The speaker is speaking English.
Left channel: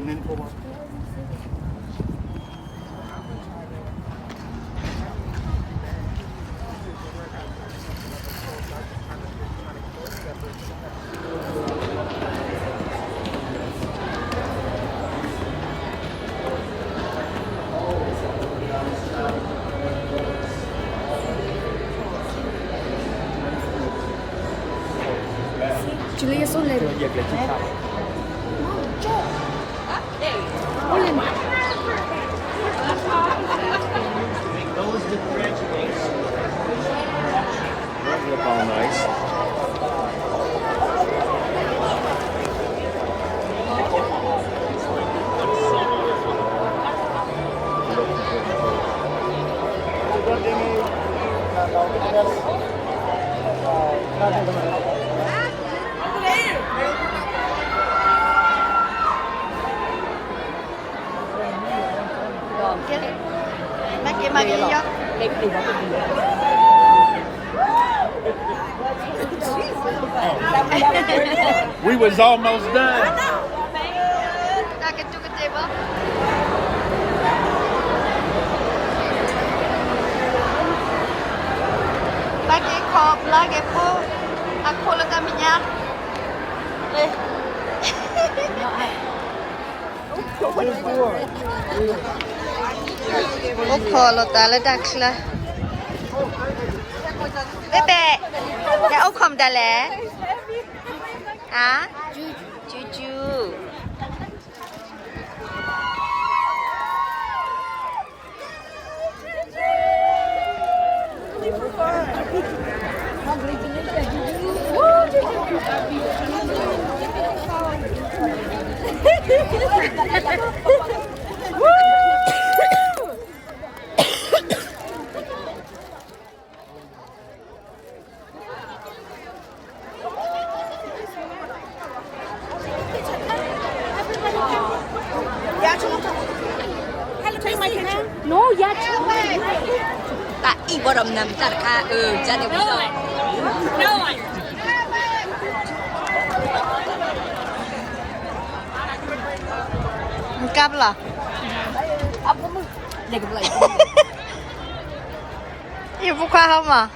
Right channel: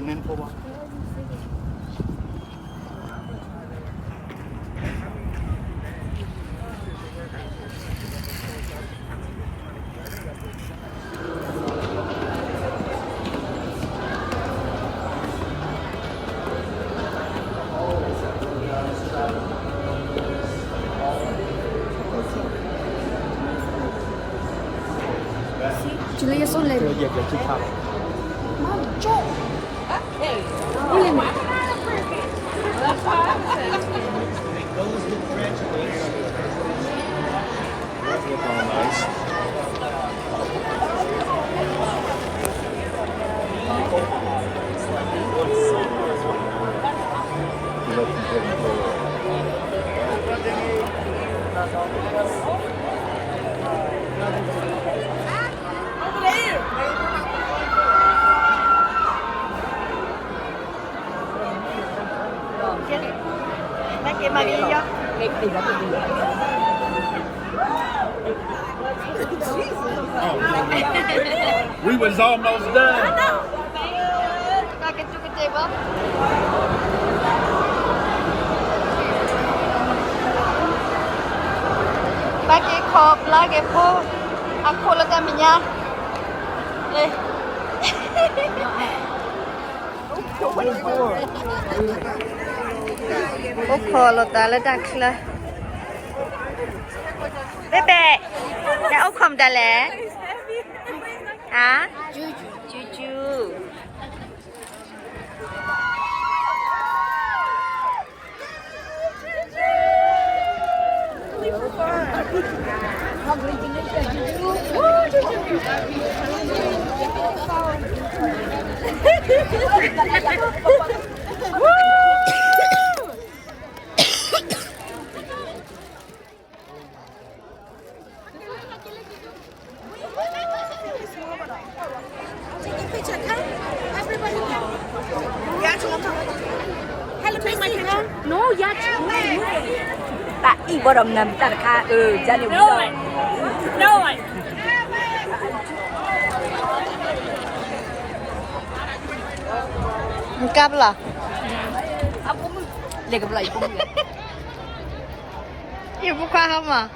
nen po ba? Julia Soler. Iya, gaji Pak. Maco. Boleh nih. Look all nice. Magi ya. We was almost done. Kaget juga coba. Bagi kop lagi po. Aku lagi minyak. Eh. Oh, kalau tak dah kelah. Bebe, dah okom dah le? Ah? Juju. Take my picture. No, yeah, Ibu orang nampak jadi No. Engkau lah. Apa mu? Jaga belai. Ibu kau apa?